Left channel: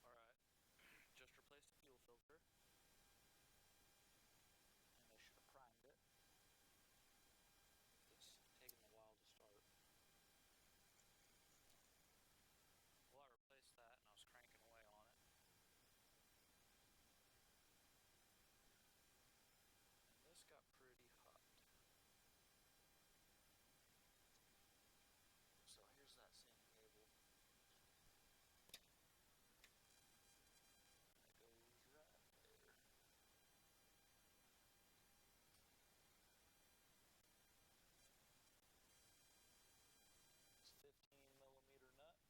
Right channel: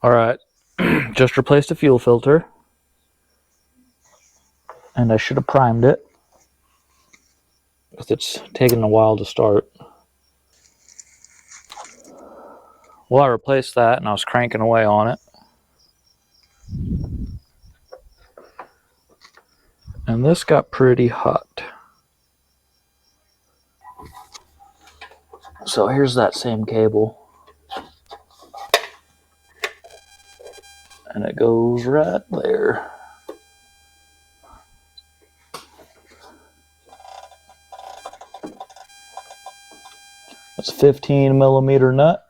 All right, just replaced a fuel filter, and I should have primed it because it's taken a while to start. Well, I replaced that and I was cranking away on it. And this got pretty hot. So here's that same cable. And it goes right there. That's a 15 millimeter nut.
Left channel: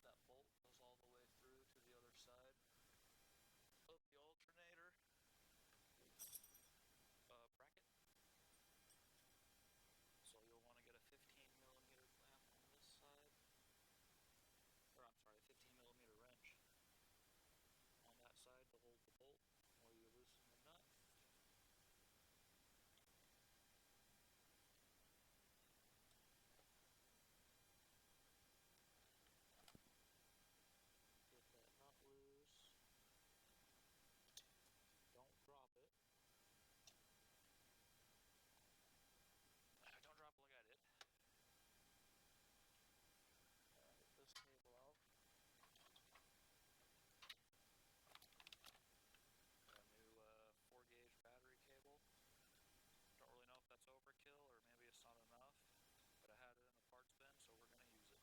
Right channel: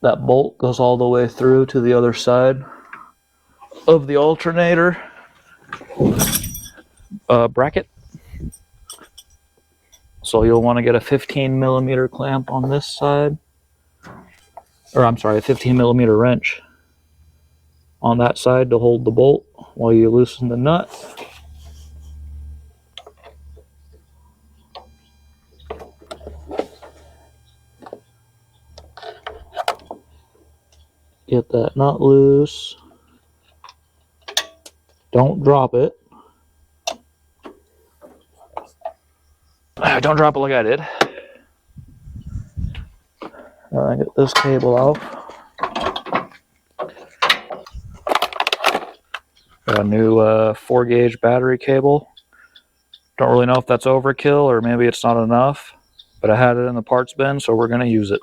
That bolt goes all the way through to the other side of the alternator bracket. So you'll want to get a 15 millimeter clamp on this side. Or I'm sorry, a 15 millimeter wrench on that side to hold the bolt while you loosen the nut. Get that nut loose. Don't drop it. Don't drop it like I did. Get this cable off. Got a new 4-gauge battery cable. Don't really know if that's overkill or maybe it's not enough, but I had it in the parts bin, so we're going to use it.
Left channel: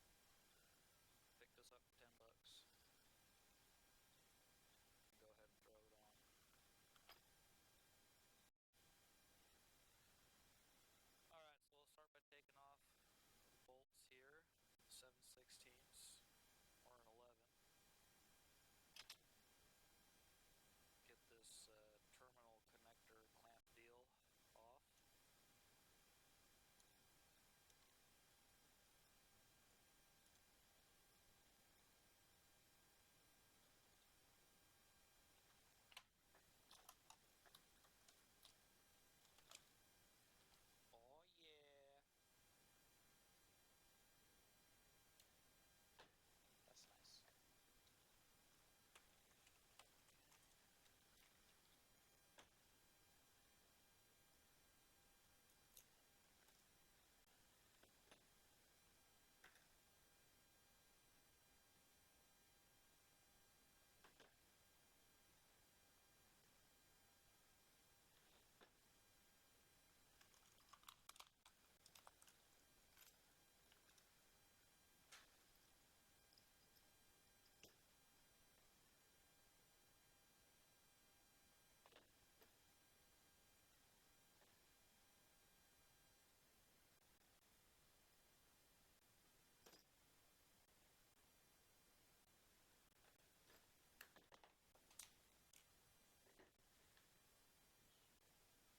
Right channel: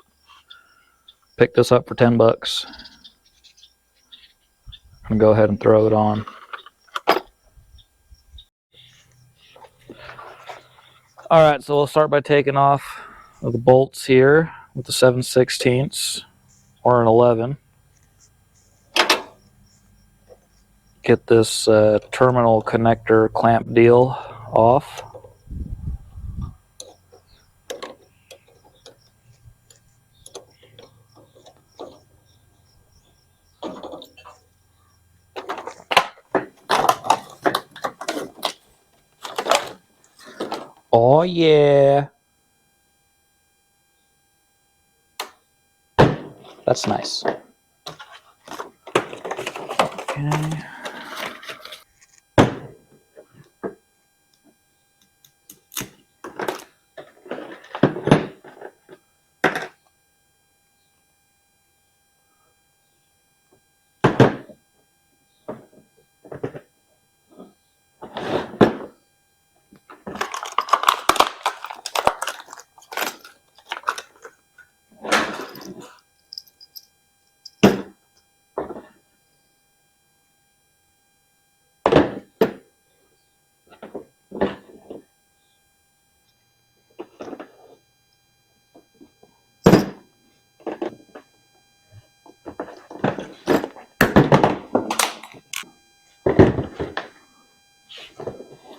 Picked this up for 10 bucks. I'm going to go ahead and throw it on. Alright, so we'll start by taking off the bolts here with the 7/16 or an 11. Get this terminal connector clamp deal off. Oh yeah. That's nice. Okay.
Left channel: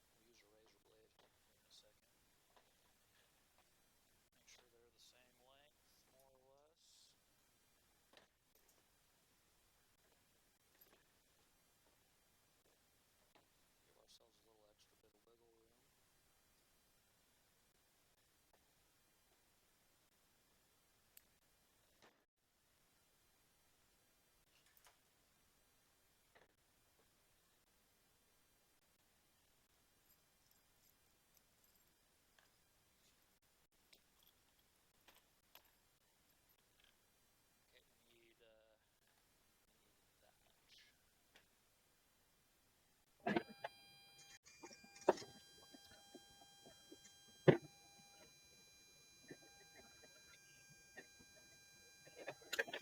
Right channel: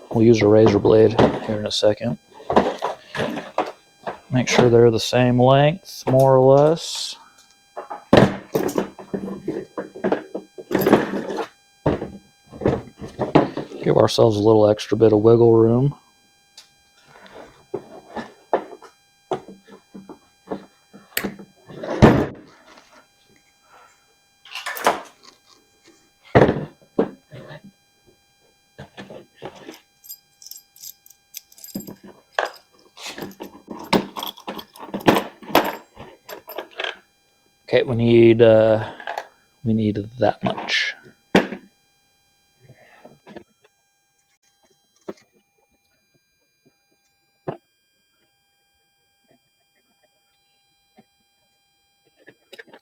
We'll use a razor blade here in a second. Make sure they're the same length, more or less. Give ourselves a little extra bit of wiggle room. Okay, we need that much.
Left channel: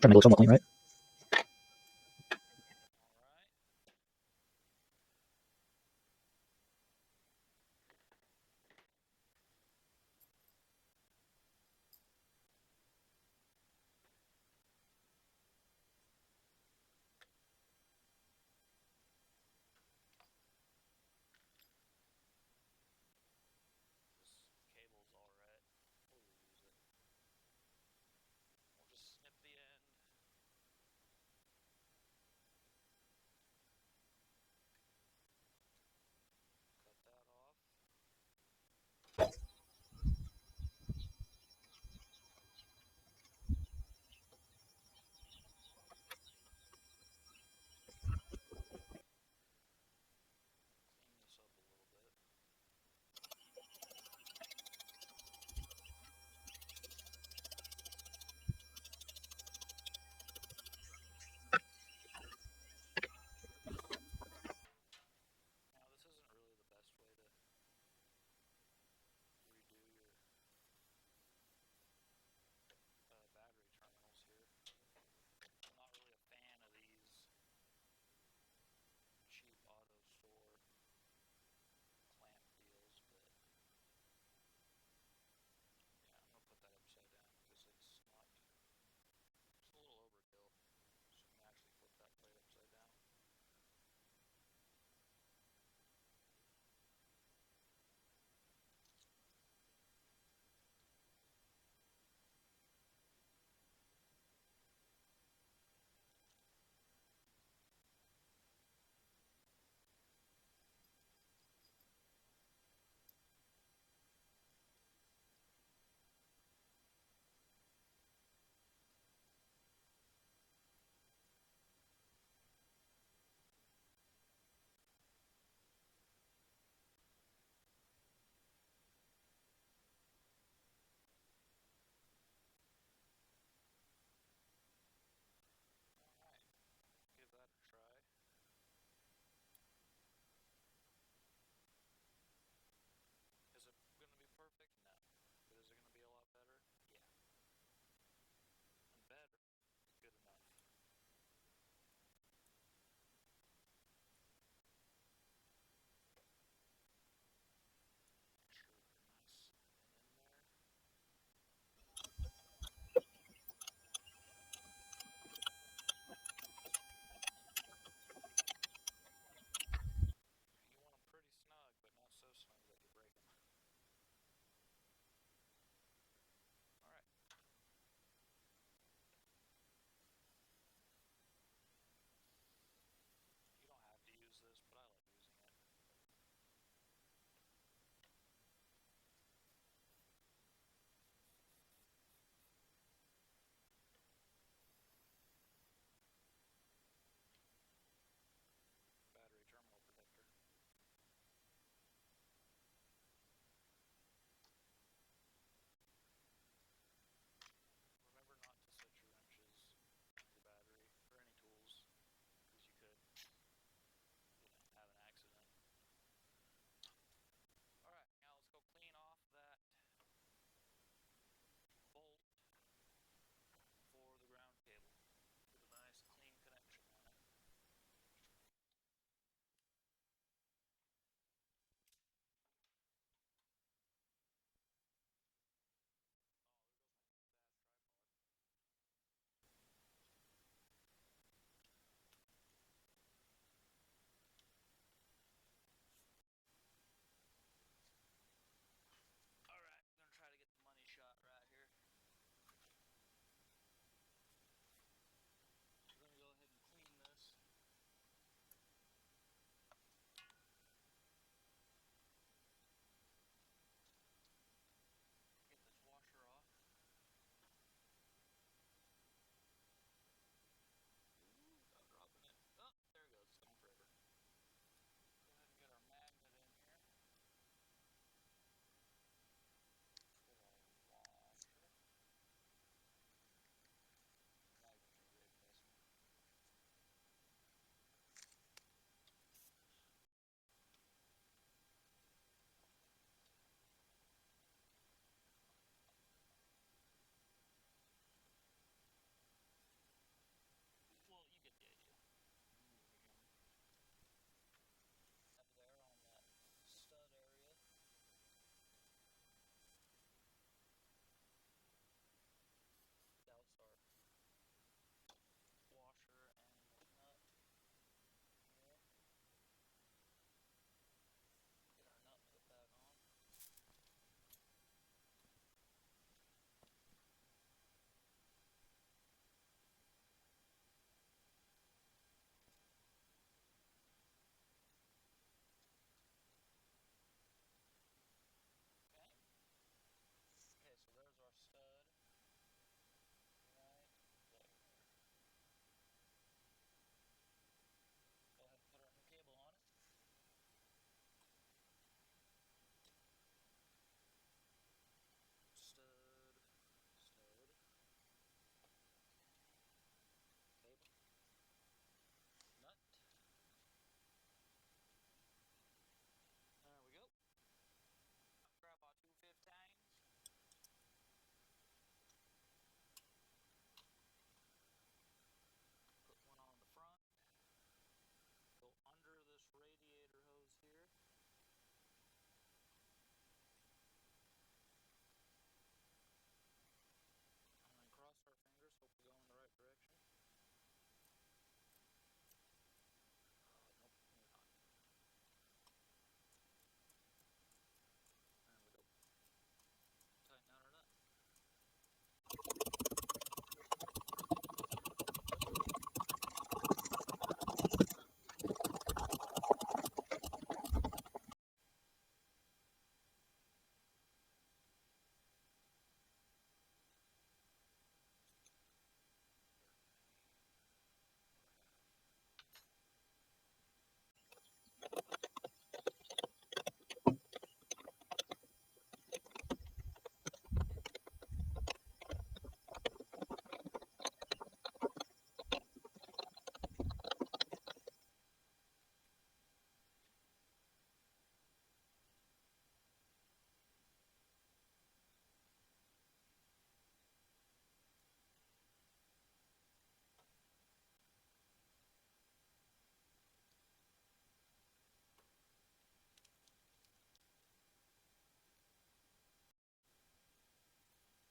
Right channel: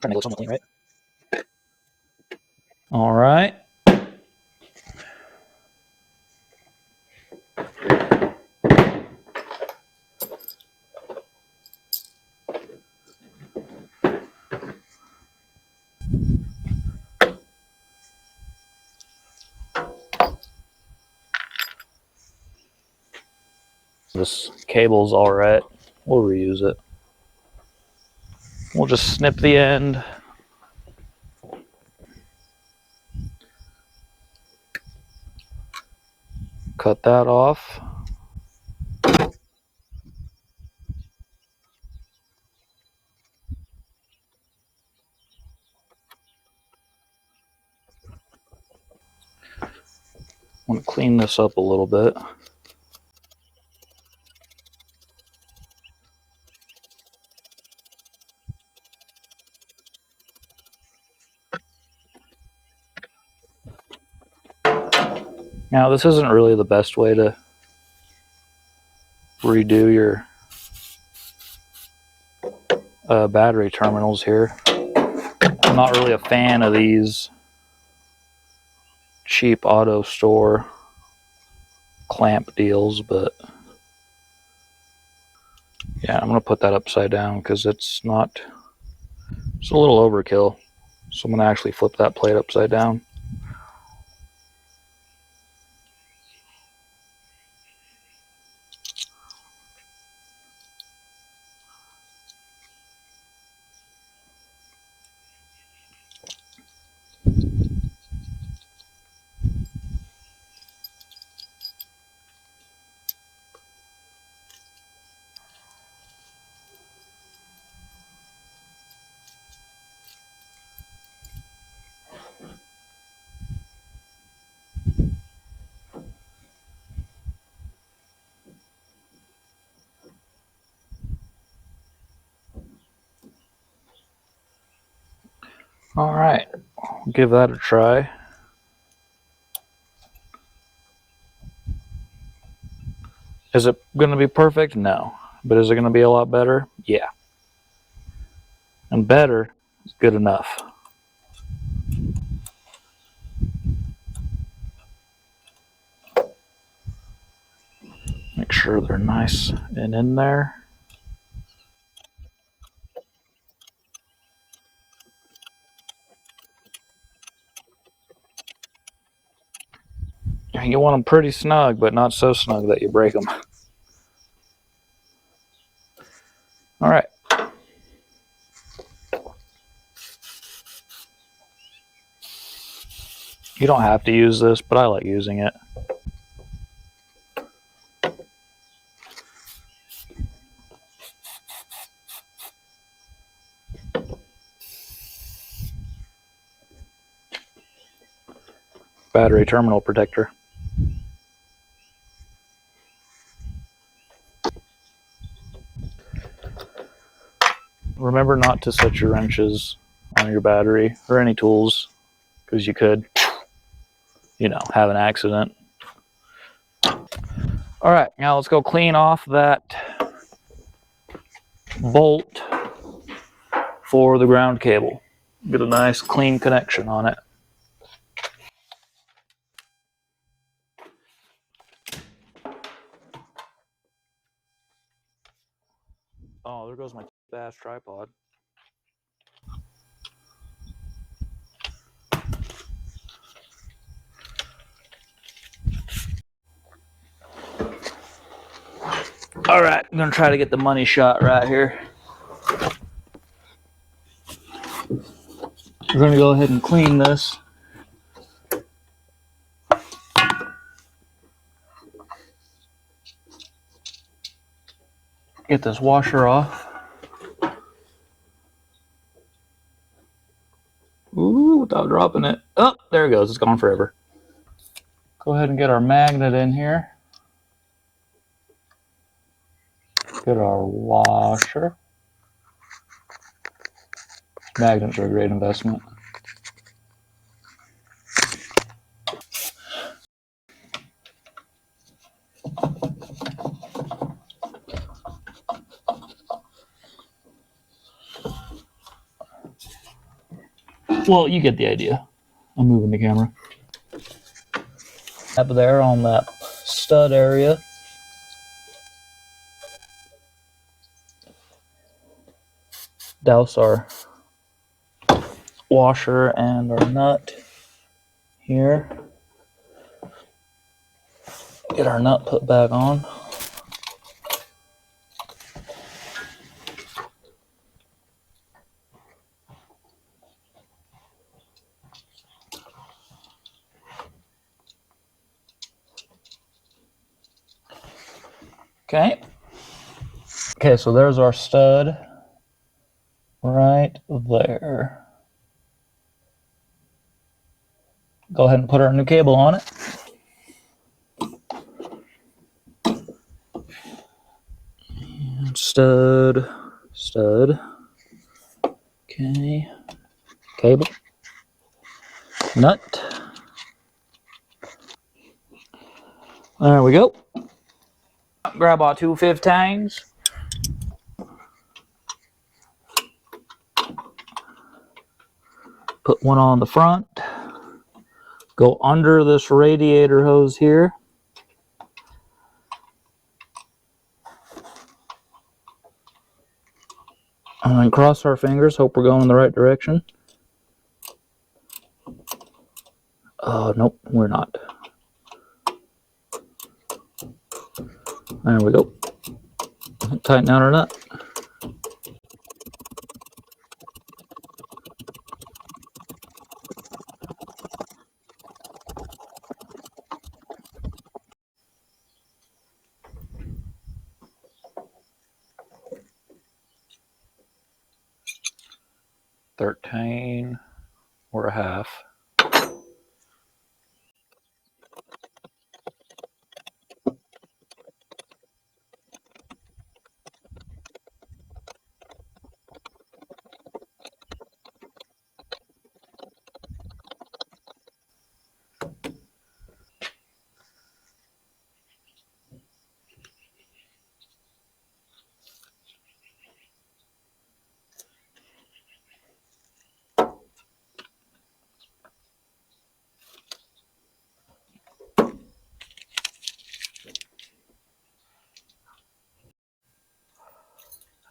Trying to make it look somewhat clean, right? All right. This cable's all right. We'll reuse it. We'll just snip the end. Cut that off. want to clean this up a little bit. Now, this isn't really the best way to redo your battery terminals here. I'm not really a fan of these cheap auto store clamp deals, but yeah, I'm going to put that upside down because it's a little overkill. So I'm going to actually flip that plate upside down. All right, give that a try. Is it going to be perfect? No. But is it going to be a lot better? Yeah. And better is good enough. Make sure they're nice and in there. You want them pretty snug, but not so snug that you break them. All right. You don't have to use this, but I like using it. Battery terminal protector. Remember not to set your wrenches on your battery or any tools, because you could, have an accident. All right, now let's go clean off that bolt for the ground cable. Get a nice clean connection on it. Oh, there goes my ass tripod. All right, I'm gonna try to get the money shot right here. We're gonna go ahead and clean this. Get this washer off. Ooh, without dropping it. Oh, there it goes. It's gone forever. Go ahead and get our magnet in here. Get our washer. Magnets are a great investment. Well, you get the idea. I'm moving the camera. Up there on that stud area. Douse our washer and our nut here. Get our nut put back on. Okay. Okay, so there's our stud right there. Go ahead and put our new cable on it. Stud. Okay. Cable. Nut. There we go. Grab our 215s. Put one on the front. Go under this radiator hose here. And then cross our fingers, hope we're going in the right direction. Oh, nope, we're not. There we go. Tighten down our nut. $13 or a half.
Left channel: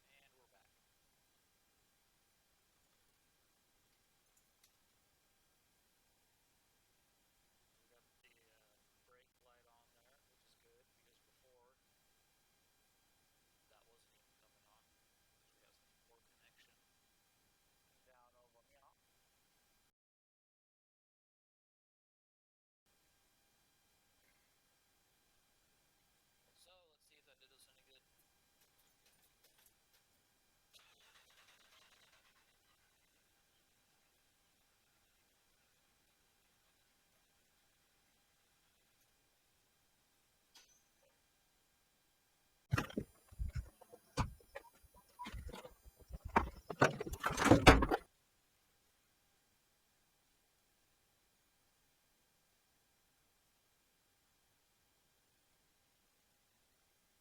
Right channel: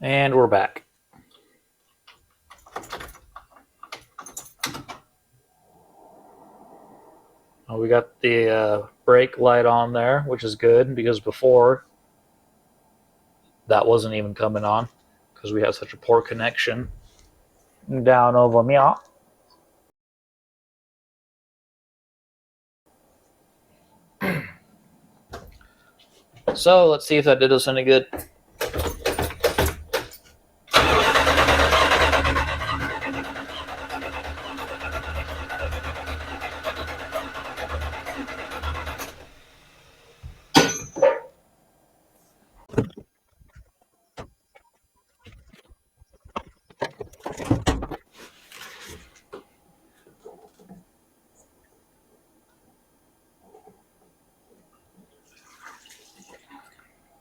And we're back. We got the brake light on there, which is good because before that wasn't even coming on because we had such a poor connection down over here. So let's see if that did us any good.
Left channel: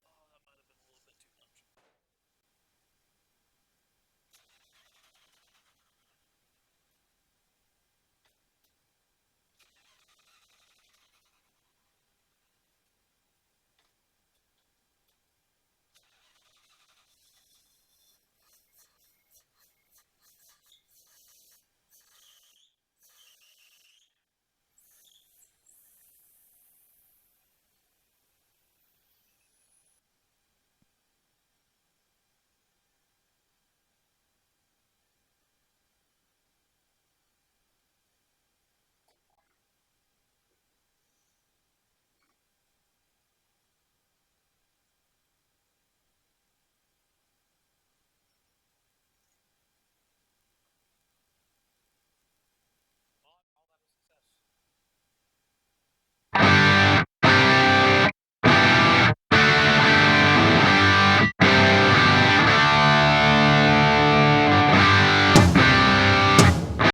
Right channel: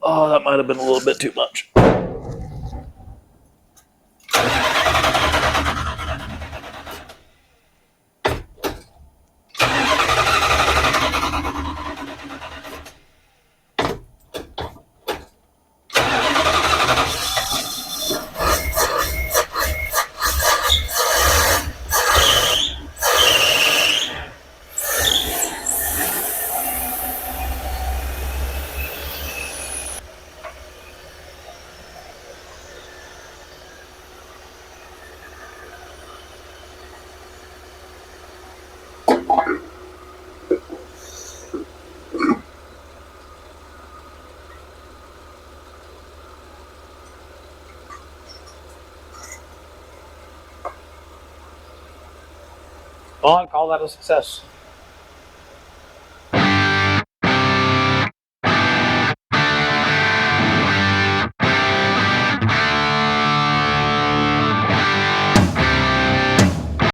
Oh, that might have been a little bit too much. Well, I'd call that a success.